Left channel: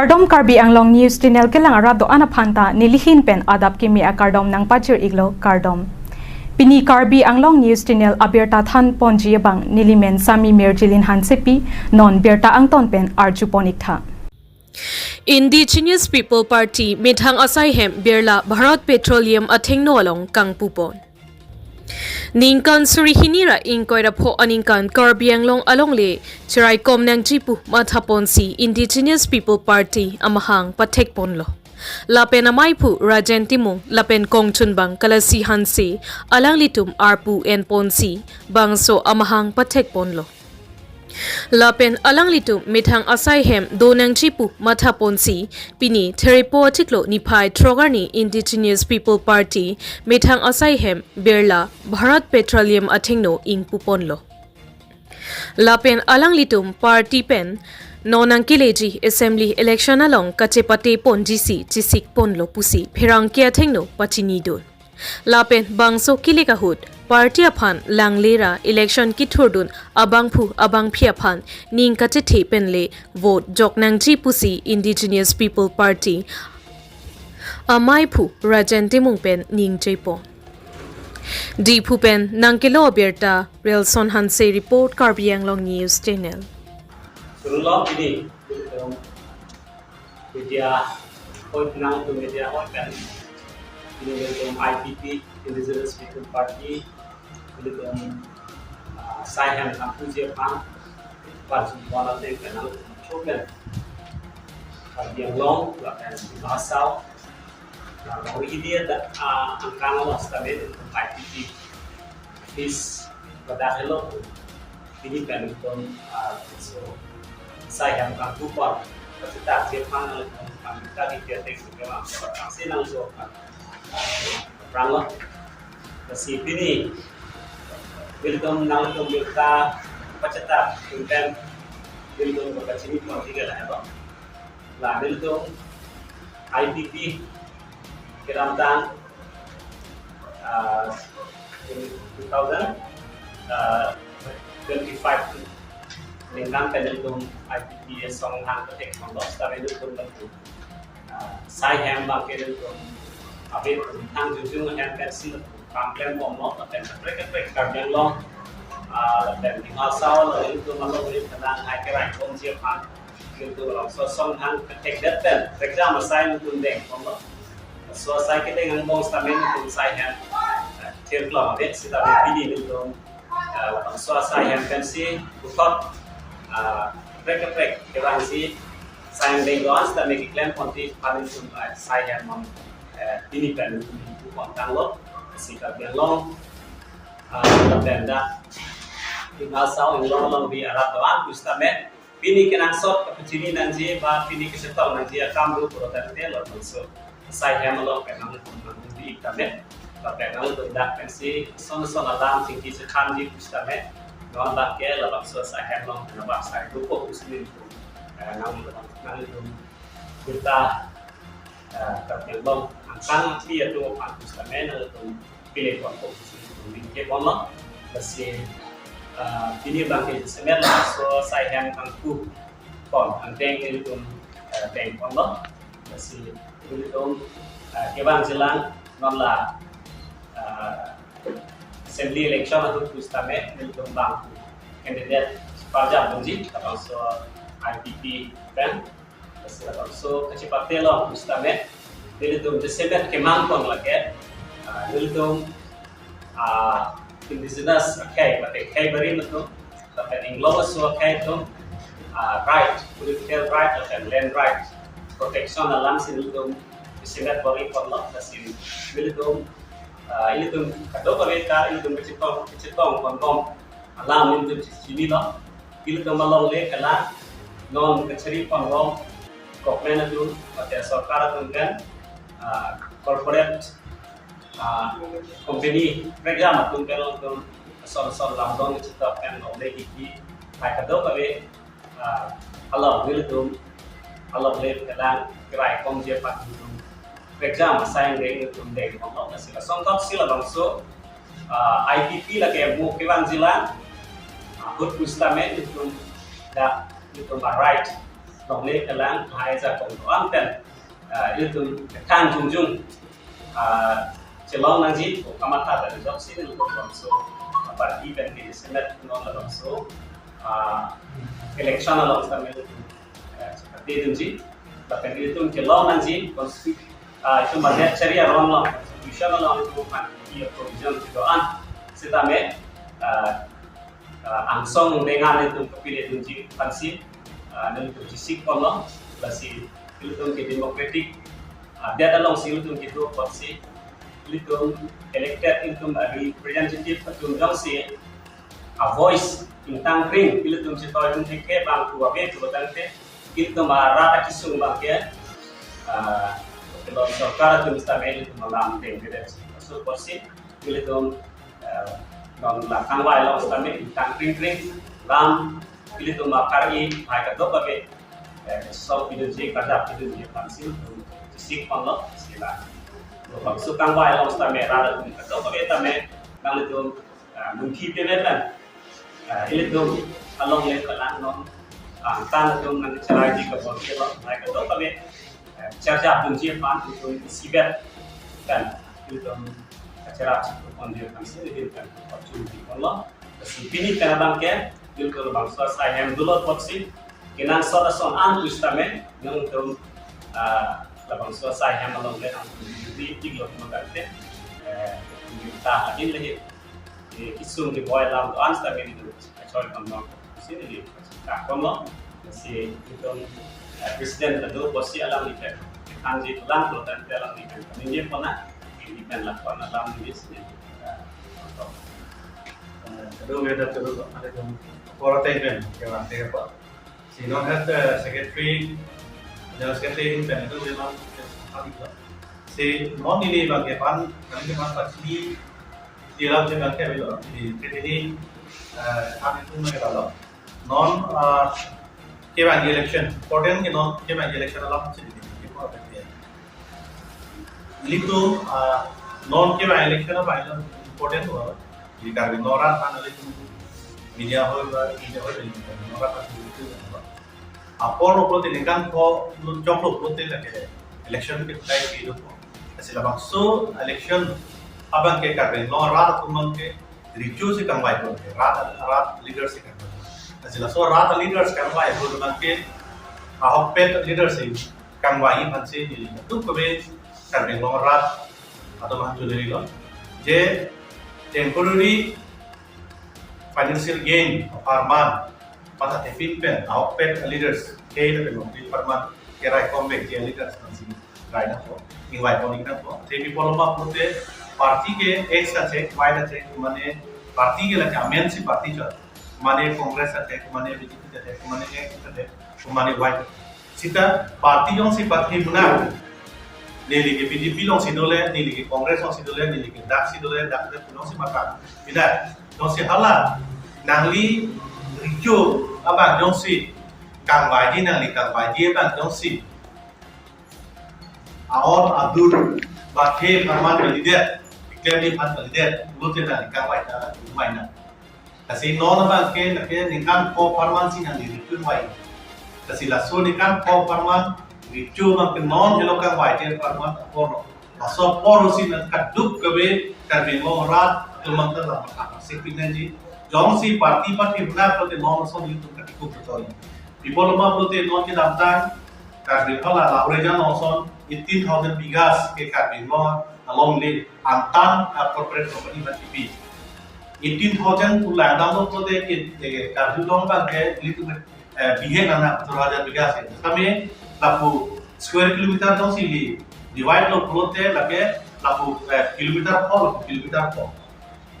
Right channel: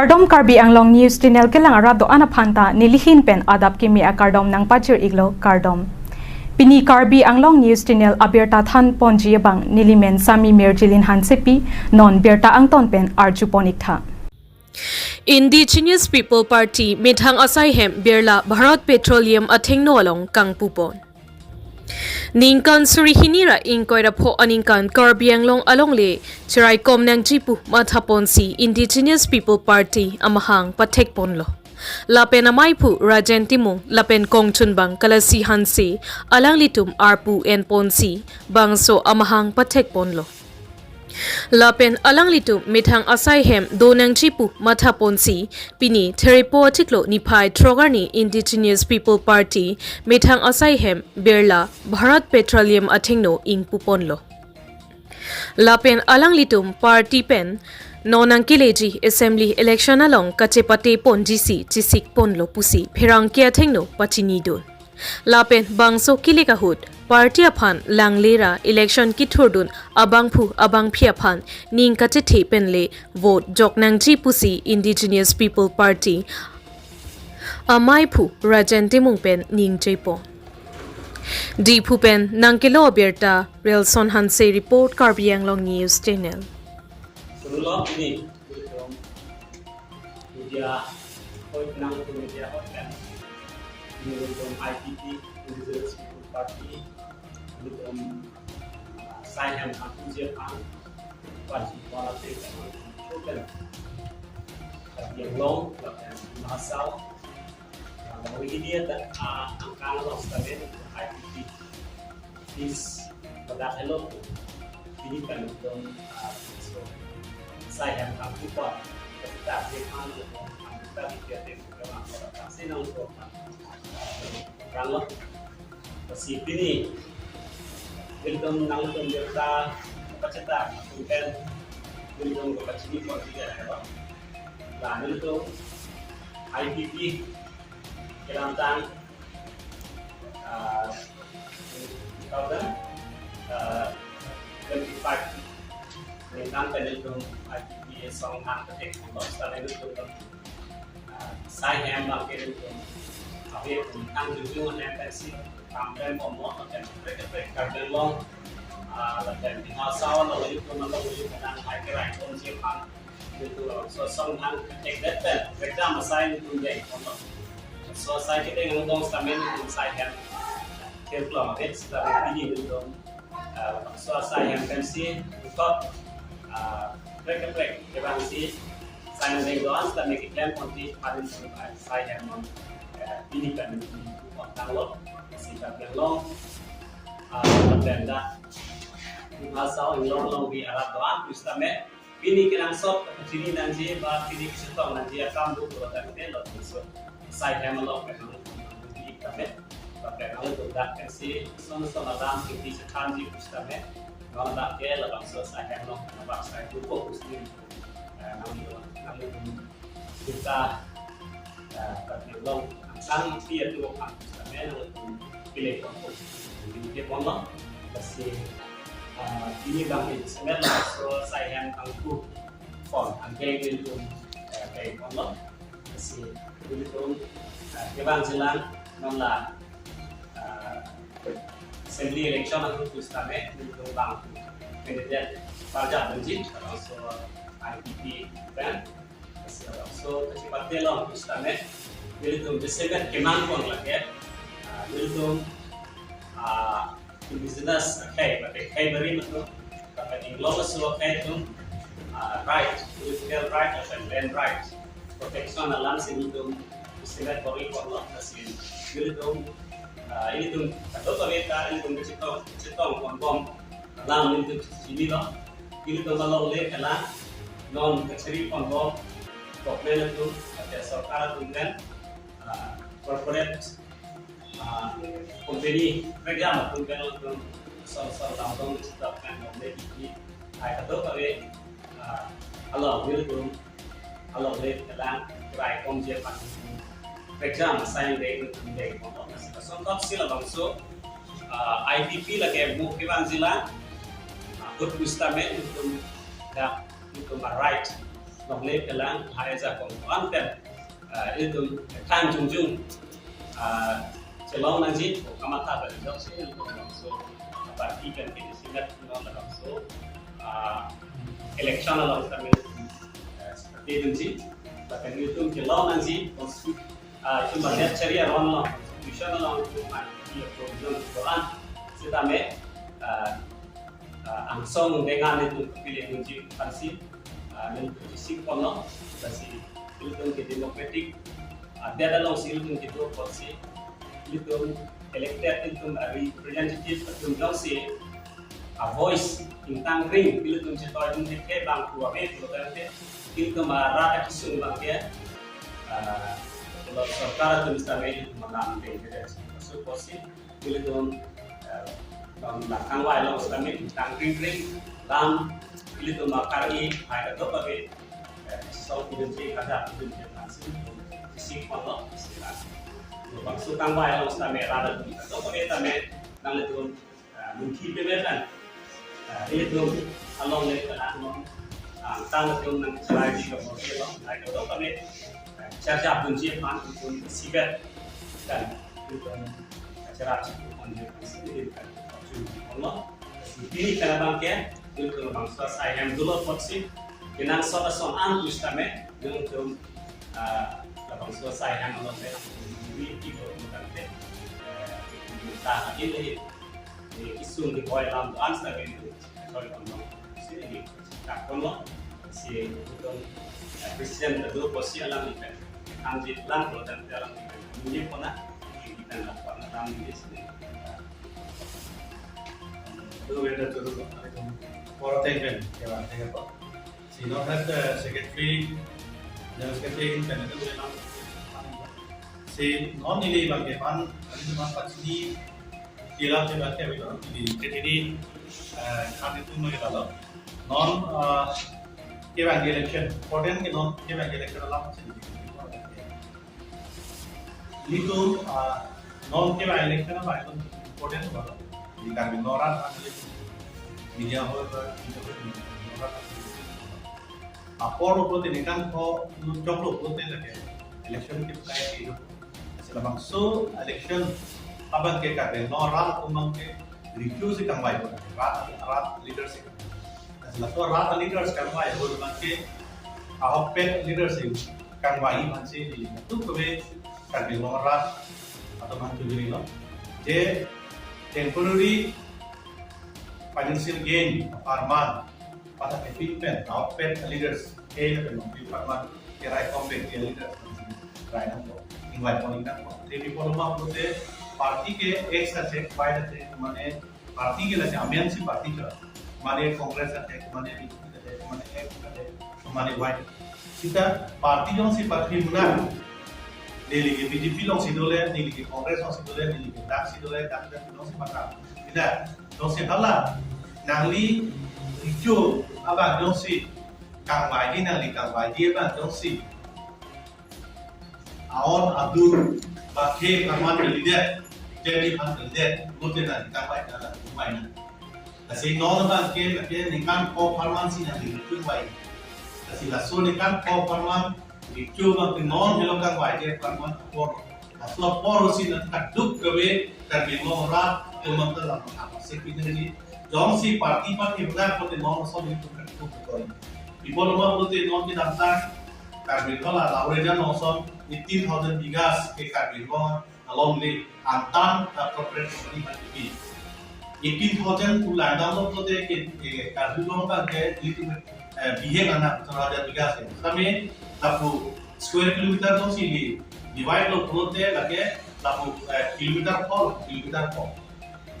Kardom Karbi Anglong News Channel kelang arado anaphanta nilihin pen adap Kimi a Kardom nang pachir iglo Kardom. Pini Karbi Anglong News Channel abirta than ponji bang nilimen sami merjilin hansepi non berta angton pen arjuponik tha. Indigenous People Party Mithang Asaihem Birla Bharat Petroleum Athengno along Kangpu pon. Ningkan Surihinira Inkoira Po Aningkan Karbianglong Alongle Chirai Komnang Jipu Mathaponsi Indigenous People Party Amahang Patek Ponlo Lapen Amaipu Rajen Timung Lapen Kongchunbang Kalasi Hansi Alang Litum Arpu En Ponsi Bangso Amahang Patek Ponlo Lapen alang litu mithang Asaihem donang chipu mathaponsi pini theripo tiklo niphai trogarni Indigenous People Party mithang Asaihem Birla Bharat Petroleum Athengno ing puponlo Lapen alang litum party pen nonang kileji assembly election along kachepate pon GC chisik ponlo pusi pherang kia thengno pachinidon Lapen bangso kilikahut Party aphan langlera election ki thurdun abangphu abangphi aphan ning kache penle vote joknangji pusi Indigenous People Party amaiphu rajentimung pen ning chepo diphu pen nangkelo berta relson hanse report Karbianglong News Channel Sunlo ini media hot nang tu media hot kan ini IPP Indigenous People Party Asaihem Kangpu Jepang Parti Wala Tek Kenal Choben Karbianglong Lapan Masau Bagi dia angkang los tabe IPP is padahal ini kan untuk Asaihem Kangpu Par kita Jepang kita dikiatek kemana aksi langsung rangok si ini Wilton nang kita pacata kunten Wilton ko kachini pon tiga lah ba la Wilton IPP kiramtan 2025 lingkang Wilton IPP song hang ketek mongos tare Wilton Asaihem ba Wilton abis hang jujung hang pensi kampen pomok dan mereka Karbianglong dan tinggal sawal lalu itu melalui tenang akhirnya konsepan itu sosok hang ketek detail mereka masai untuk deng pomok sosai kita yang ngomong stamen untuk saya terkeluar deh kita pilih itu sosai yang pensi untuk mereka kita sih saya dengguan dan mereka klaim konti pada saya mem ini kan bukan tanggung si Karbianglong dan dah tinggal sahau yang long di Arab Tawan justame pini kenang sot kecili nanti bah pini kesetau nanti akan dulu produk dia loh so saya melok kenang di kami kenang untuk dak pensi son alam tinggi sekanji justame non dak ke lalu so saya melok kenapa saya lupa muslim nang itu kita Karbianglong angkang dia tu justame untuk pilih kelompok di Ponlo masih ini bangkit sebenarnya so Asaihem Kangpu pon anteng itu teng Ponlo masih itu kebang jelang nonlah assembly election atau justame itu bang kandidat parja munji atau so IPP kan masih atau so kecepatan lo justame itu Desember kemang pon lagi Wilton Indigenous okay, but okay very much no. Tapi English so okay tu right, political right atau land right, protection alam sini tu sangat beri perlu kasih. Wilton ini tu kado beri kar ini tu ciptong kontom alam itu sini no. Wilton malang le kalah non keceri pangong government tu atau सरकार tu kan corporate company program atau kalau soal lambang kita kan oleh kita ada kado kalau Wilton kalau boleh kita gerai komjen pak program saya yang itu deh kalau masih sontak sila bangso IPP lagi bu kebang zila good kustame itu dah itu right dong le kelang hai za kong tuan pen itu kan jungjung celong nang ji kamata da job sin lu kong so parti kan ke senat non la so election along sa men seperti itu ji bahkan itu celong nang ji cuma lihat ceria ron lo constitution along itu kan ia provision doan sitame angsong dengan itu kepilih kunci fansi dan itu sisik kono basi itu ke demokratik dia dalam sih itu gitu fansi itu elected itu representative itu dong sih a voice tentang ring itu sih tahu itu ke bang tua ke itu tante itu marah kisung bang kalau sarkar itu misalnya itu malam tidak so fansi itu non lakang wai long stame tang ring lam pilih tu makar i hai ka do babe so pilih je kada pilih je pansin sik panglo sila lo so tang wai long stame rada tu ka do babe tame nang le tu mungki pe kan pilih tu along le kala non tan tu nang cerai ji ka bol ke lo hai ka do babe charja tu je pan tu sibet kan pilih tu cara on dia pansin dia kan Allah sipini kana bangke dil kal bangsa Asaihem dulu potsi kenan sora son an twistame yang tu la bangsa Asaihem along le di tiglo magante ta in le di isum di boy lam an sta be di chol kam no sini ta kono si itu Christian dulu potsi alam ni anji tulang kalau dan dalam ni ini pernah ini kan lakukan alam ni sini do we have to look at the quarantine apa si non has the secretary the secretary in pen itu memang si non ini bagi pan kami memang pasti dalam jangka kebelo di ini kami itu mengenal non keban election important ke non keban election alam sini itu non keban election apa itu important apa di karbon noran kan ada media hol noran kan itu apa lo ini kan kok job lo lagi election kita itu hasil so election abang ke karbon noran tuh ke review sih kan baik rat leaders sih kan hasil so rat leaders kan baik tuh ke ahok pet leaders sih kan baik sih itu kebe karbon noran atau macam ini loh je temporary financial gain per month pada efficient output leaders ke na pelo per month ke rai kombe ke leaders nanti rai na po invite poni na po te people ma pote party ke ex ka check minus check mane party ke la amensi party cha mane congress ka check mane bjp ka check mane ex ka check mane white sita party jong si party muna nili ke BJP long si dole nili ke Kongres long si dole nili ke dak si dole dak long si makan tidak long si hala nangli rijo apa long si kang baji nangli kang baji apa long si aon abdul bakhe perman kalidet iklim pan kalidet lutin nangli kang baji nangli mainan kasi non apa ke ningkan ko perman si nangli rijo mai kasi laso ningkan ko perman ricu makin non hilokan wajib perman poro, asal poro sih nanti kaduk kebe karbin morat cuma telah apa sih pinjaji, jong si parti benar kalau non asal itu kaduk betul. Di bawah lama kalau non kita daftar karbin hala laporan non 18,000 bigas ke karbin morat along the antan corporate company BTP. 18,000 pulang dalam kalau ke karbin lomba ke itu bihen anak 1,000 bigas itu. Kami lapu square kilometer dong sih divide lo pulote lagi lapu kilometer pol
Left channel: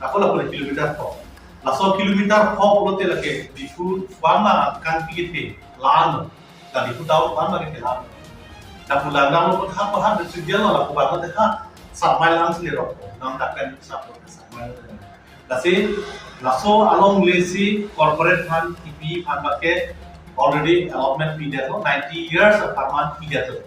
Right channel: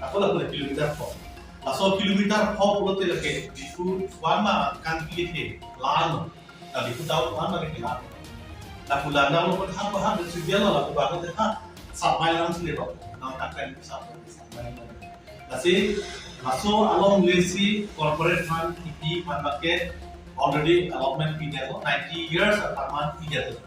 aku lapu kilometer pol laso kilometer pol pulote lagi di food wama kan pikir lan dan di tahu wama ke lan lapu lan lo pun apa sudah lo lapu banget sampai langsung di rok nang takkan sampai lasi laso along lesi corporate fund IP fund pakai already allotment period 90 years of permanent period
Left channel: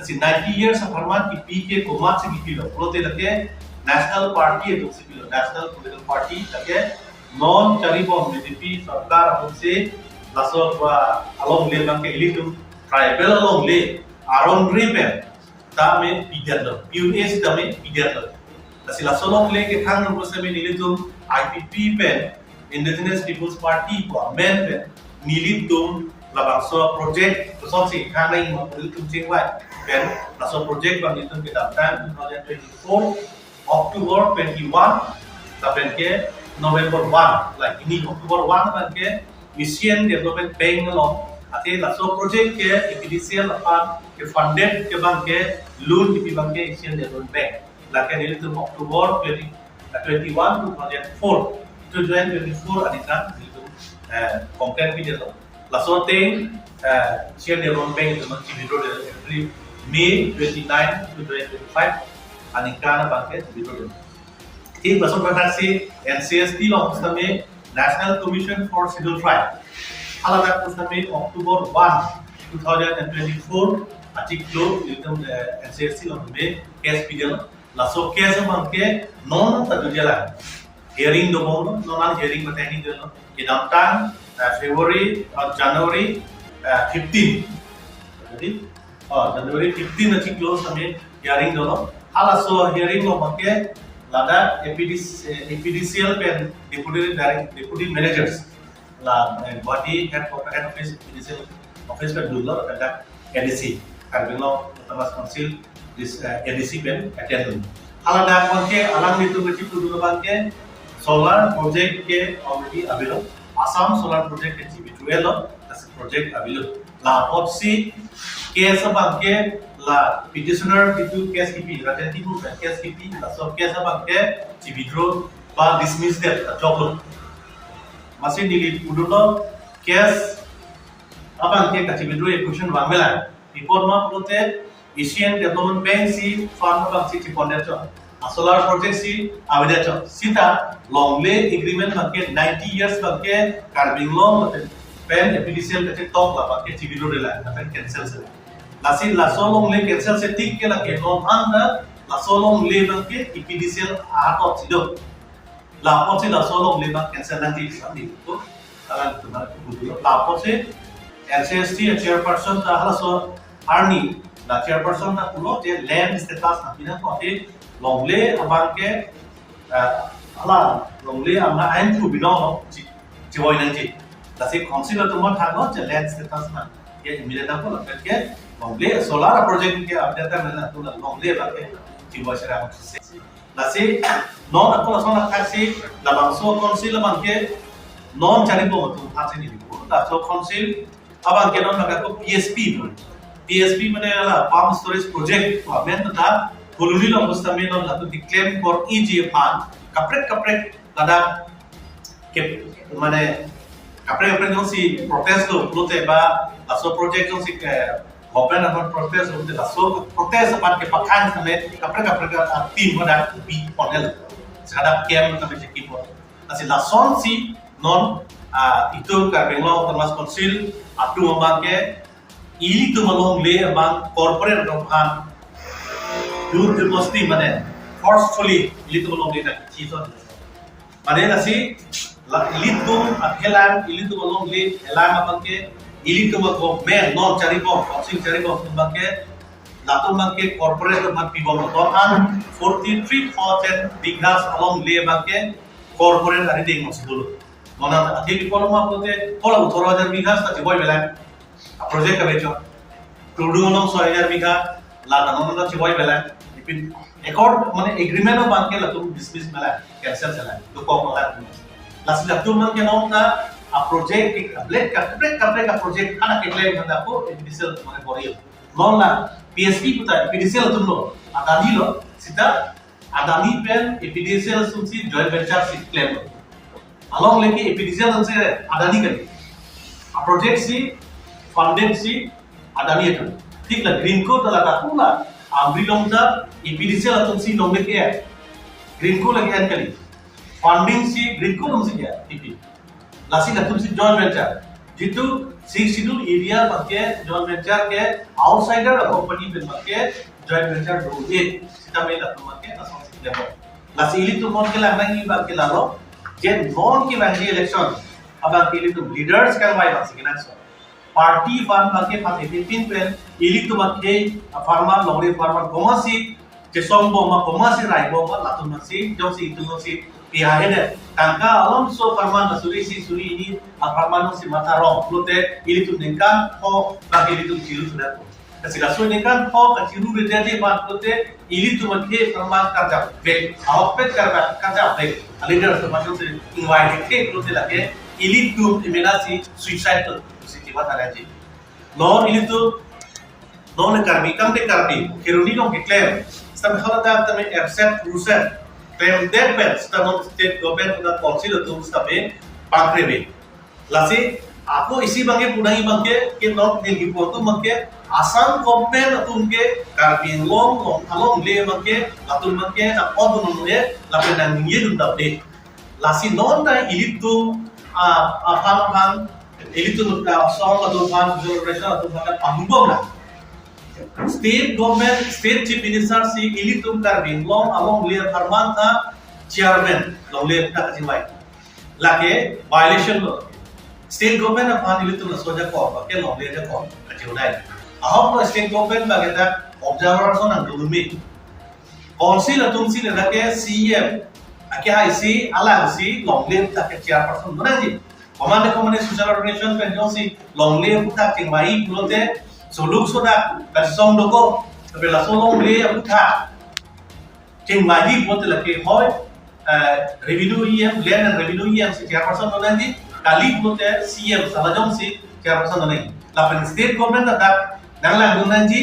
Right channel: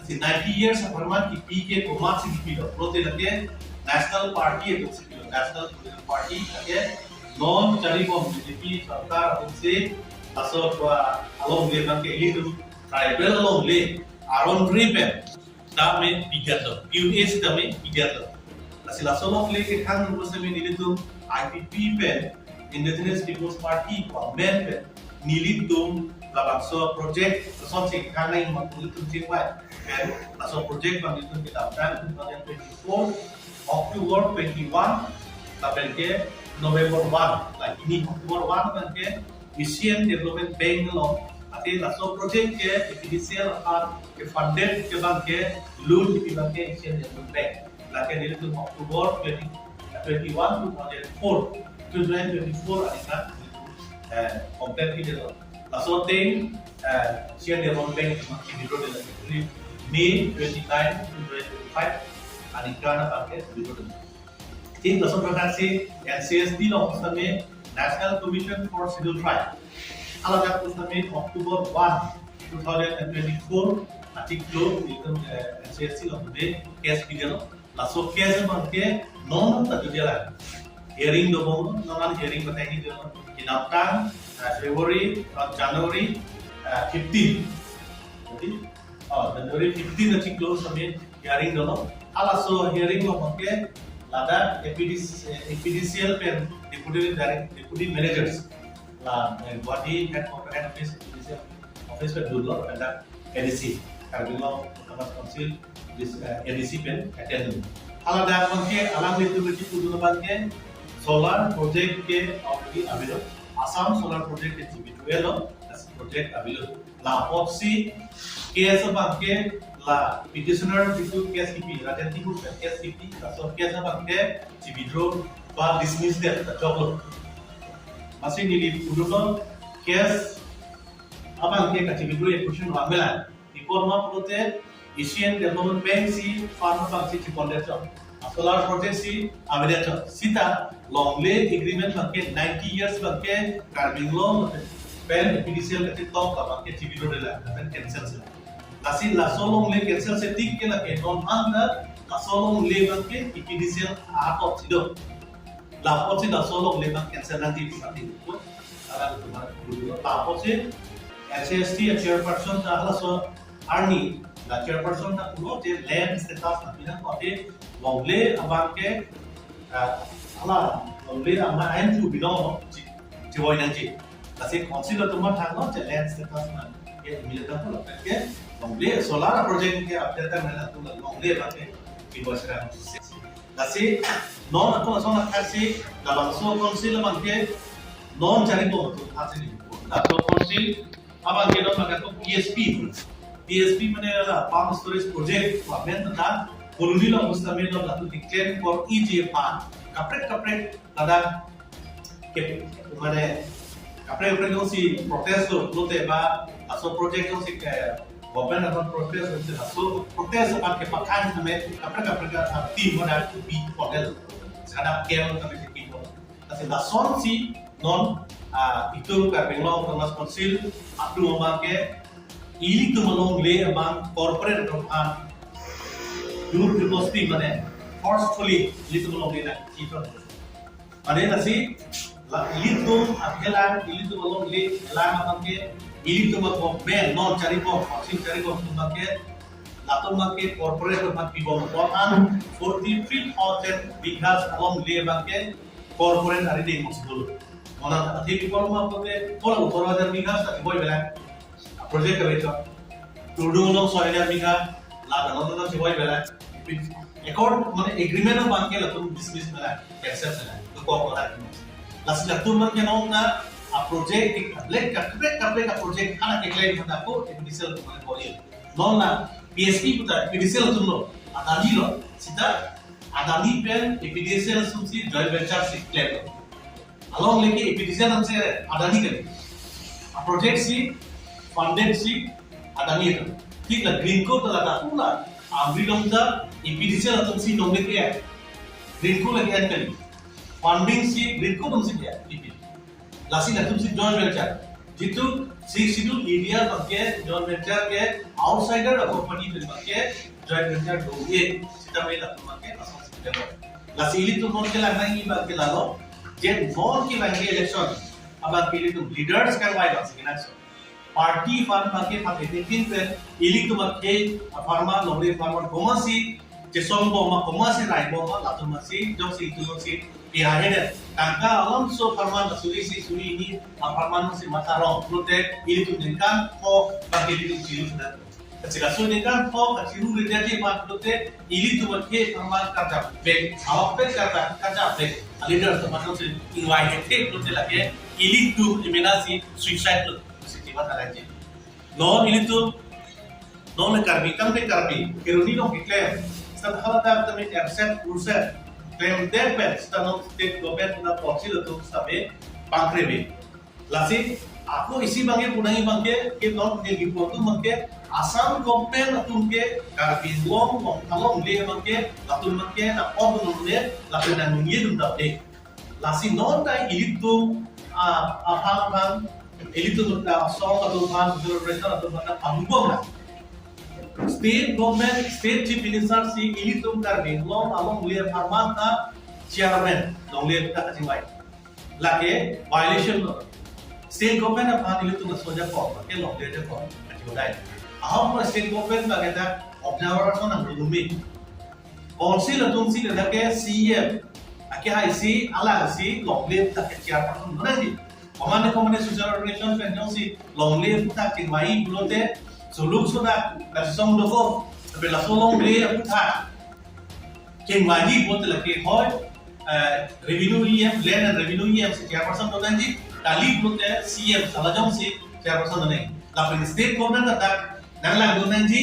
kasi 90 years of permanent PK kumat se kilo prote lage national party itu se kilo national political party lage non charibon BJP sarkar apun se laso along le bang ke elitum tribal along le aron ripen ta me pidiat lo US ta me pidiat lo asila solong le ke thang no se me nilitum IPP pen Indigenous People's Party ko men pen nilitum labang so project so si kana ing nilitum chingwai pen la so project bang nilitum ke daptan 2024 October 21 ta pen ke November 1 like ini October 1 ban ke Asian Development Bank lo ate la so project ke initial apa ke funded ke bang ke loan ke bang ke Asian Development Bank la ke nilitum October 21 2004 to 2024 adika complete video la so thing Asian Development Bank to video every May 29 to 2025 adika na bang ke video एक बसों प्रकार से NCST office में National Commission for Scheduled Tribe अलग ऑफिस में October 1 2024 article एकदम NCST office में केस पीडियल लासो केस में के नॉन तजुजला hearing दो बोलो नॉन hearing में तैनी दो ये नामटान February और January 15 jadi January 15 article में hearing दो alaso hearing में के Lada EPDCL pen deputy managers la body head office EPDCL office pen dulu pen NDC Karbino Thomas Council this NDC pen attend alada konke alam itu kecil dulu bangke solar project ke already available Assam solar project ke CB12 as project available la opsi ke sabangke la petitioner itu case kipi raten tipu case kipi la so case abang ke ci withdraw ba dismiss that joglo masih dili pudulo case abang ke ci withdraw question wangela report ma prote Asian Development Bank si fund abang si pondacho solar project si abedacho sita long lay agreement ke 90 years ke carbon law pen EPDCL ke top la ke ci withdraw la pen cancel se Lasin la solong le cancel se tik ke la ke non anda la solong le bang ke EPDCL atot sido la pot se la solong le bang cancel nanti sandi to ala tumar la pot se NCST chairperson ta hala so army la chairperson na pulo te land status na pina ko te long le abang ke ala long le ama ain tu bino ci woi nang ji lasin consider to mon thang te land status na ke immediate ko la ke Longle solar project ke update mana tu longle bagai tiba sekarang nasi non aku langsung nak kasih labang so konsil labang ke non cari tu hasil ini labang konsil abang ke non bagai tu PSP mana lah palm storage project tu amen tu dah koloni long mustami non lah tu declare for EGFan kapret ada ke mana kapret non si protest tu ba aso project tu si ke Open about protest untuk so protest apa ke pakan sampai kapra tim pada bi panel sekarang kem tapi cekip asal lason si non itu karbenglo termas konsil atu membangke ili tu malong le bang corporate rohan dur demosti mana forcefully ili tu malong le nak cito mana nasi ili tu akhelan ili tu malong le elang abangke ili tu mag men non cari bom boxing cari bom bangke lato bangke corporate mat pibom tohan 43,000 bighas along le bangke corporate dari ding dulu mana ati di kolom apote kola 18,000 bighas ta boy bela project ka becho tudung along 6,000 bigha la tanon ta boy bela accord মানে agreement bangke lato dismiss bela cancel chala to ko la last lato man ke non na a project एक कपड़े का project खाना के क्लेम होता है वो EPDCL तुम्हारे बोरियो non la PSP puta EPDCL तुम लो अदानी लो सीधा अदानी पेन EPDCL सुनसी joint venture से क्लेम along लेके EPDCL उनसे अदानी करी a project सी funded सी अदानी है ठीक ना green code तला ताकू ना आमरी लम्जा EPDCL तुमसी नोमे के है green code लगे हैं करी funding सी green code तुमसी क्या EPD Lasi natum si joint venture. Jitu si schedule area bangke joint venture ke outsider company bin bangke joint venture do ye sita mai latum bangke asal si level. Lasi ili tu mon ke lagna ni bangke lalo. Jen non ke bangke election abang ke ili tu leaders kan wai bangke kinan so. party fan bangke pate pin pen ili tu bangke farmer longre farmer komasi jesong bo ma komasi rai bo ma latun masi josi itu masi iya hede kangka alam so farman na suri ini farman si mata rong lote ili tu nengkan ho bangke ili tu jiru sudah kasih so nengkan ho ka jiru de jadi mat lote ili tu bangke farman kerja baik awak pet kerja baik leader tu macam si ingwai hekte lote lagi ili tu iminasi suicide tu sikibat ada je non ili tu non karbi kam te karbi kiruni dong claim stab khala ta me accept ruset claim that best stab state government da council tu stabe pangrebe lasi aku isi bangke punai bangke ke non nil gi portu bangke asam government atum ke karbi long along le bangke atum bangke na odun le la pena ngi dum dabde lasi non na ili tu phang ili tu song atum phang generation atum phang anubhav na state government state chief minister si ili tum karbing long along layer farman tha chairman long layer ta jiwai lake violation state government aphan ili tum soja ko ke long layer ko jiwnai ahom state government ba geta observer so nang dumi council atum si lake cm ake hai si ala si long layer ta ke chairperson banaji command social organization kan si long layer ta jiwai bulote soluk soda la song doko tapi la solong le aputha king maji bote la ke hoy revenue em land and revenue em se chairperson donanji kali bote cm salajong si chairperson donai la pen state government da nangla donanji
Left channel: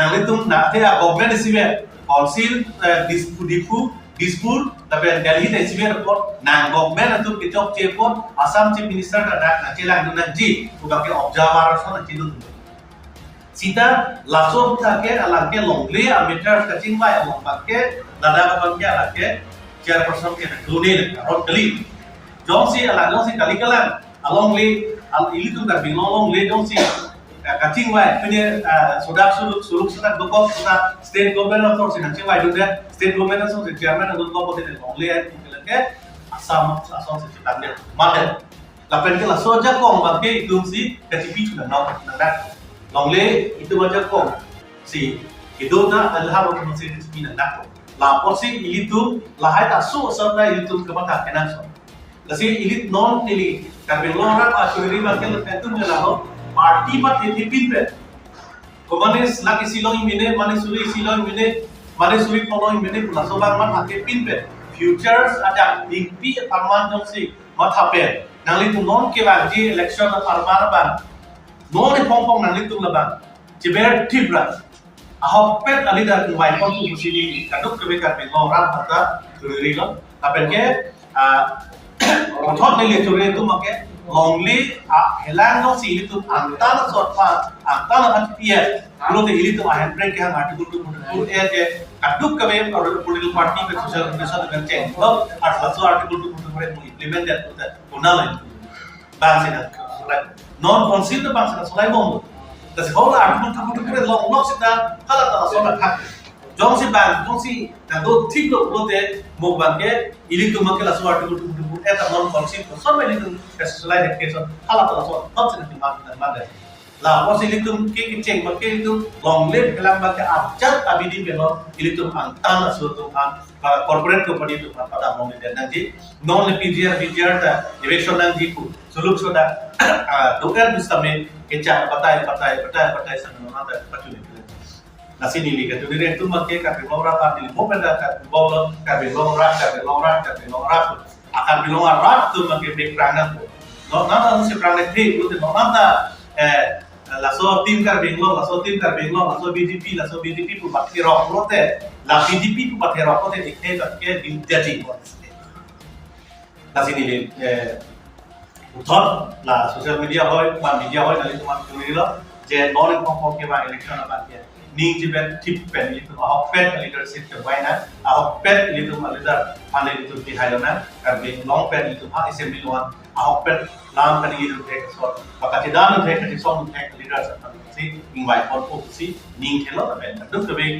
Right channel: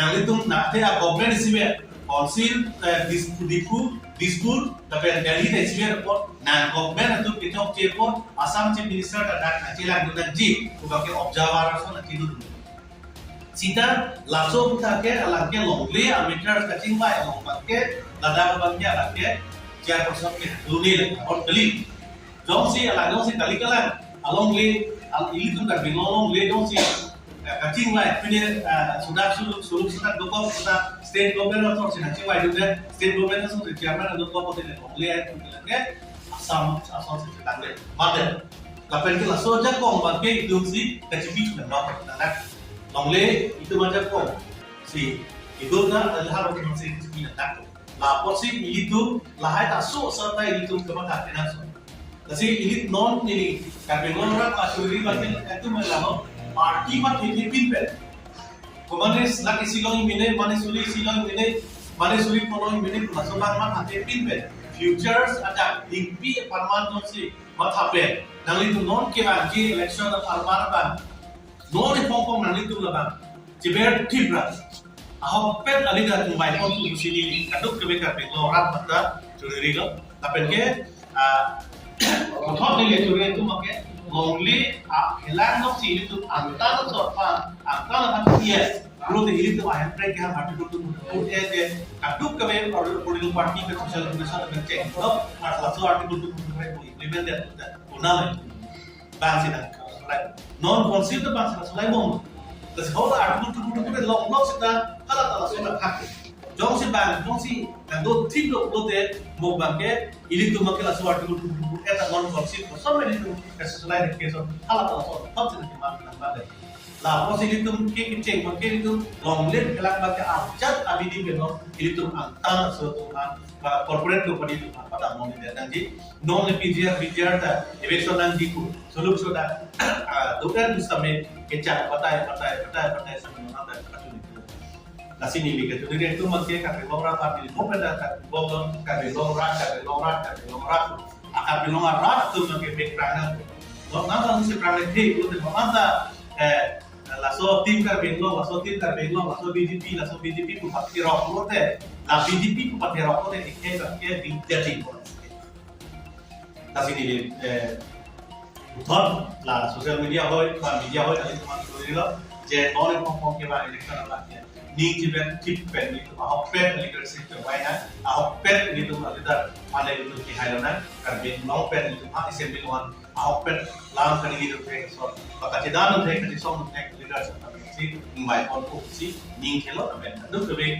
nangletum na the government sibe council dispur tapi gali ta sibe report nang government tu ke chok chepot assam chief minister da na chelang donanji uga ke observer so na chidu sita laso take alangke longle ameter kacing bai along pakke lada bangke alangke chairperson ke lune on kali jongsi kali kalan along le al ili tu ka binong le jongsi kacing bai punya sudak suluk sudak doko sudah state government of source kacing bai dude state government of source chairman adun ko pote longle ke asam se tande madel kapen ke laso ja kong bangke idungsi kacipi tu na nak longle itu macam kong si itu na alham ko si ni nak la posi itu lahai ta su serta itu kemata kenan so kasi ilit non nili karbelora asuri bakal itu melalo party ba pin pe komane laki silong mine mane suri silong mine mane suri polong mine laso bang ma thake pin pe futures ada ingpi parman jong si matha pe nangli tu non ke ba ji election of parman ban non pong nang litung labang ciber tibra ahopet alida kuwai kon tu musini kaduk kebe karbe lo ram hata turiri lo tapel ke thot ne le turiri tu make longli helang no si litung antana sorpa antana hatia lo te ilitung ahen break yang article tu mun ke kaduk kebe political party ke social organization dengan change lo article tu mun implement that punal bang sina non council the bang sa solai bom kasi hola article tu pure long long sita kala ta sona khak jong si bang jong si do thik lo te mo bang ke ili tu makela so article tu eta non council ko so many tu kasi solai de ke so kala ta so hot sina ti mang na bang la mo si ili tu ke cheng ma ke tu long le kelam bang ke ajat abidi be no ili tu antana so tu an corporate company tu pada mo me nanti non le pgr ta election nang diku suluk soda doer bistame kecha batai sama nanda pacuni nasi nili ke tu dire tu make ka bingora pa dili bopenda ka bolo ka bingora akan bingora tu make big prangan no nana si prangan thi lu te nanta laso tim ka laso bdp tu bakti rock rote la bdp tu bakti rock rote ikhe ke jadi nasi nili thot là social media hoy ban media hoy dali tuman turi lo je non ko ke ba election ba ke ning ji ben tip pen itu hok pen leadership ke wai na hok pen itu ma leader mane itu ki hai na kan be long pen itu ha assembly one hok pen lam kan itu ke so ba ka dan ke ke so ke leader sa si ingwai kon ko si ning khelo ta ben duk ke be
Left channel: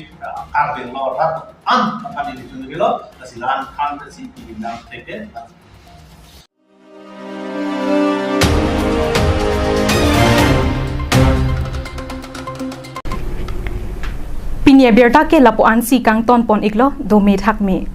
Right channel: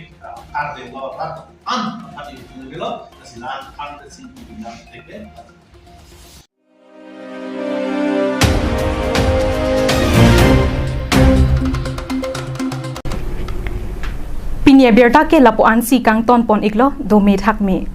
ar ben lo rat an pa di itu ni lo asilan kan si di nam ke Pinia berta ke lapuan si kang ton pon iklo do me thak mi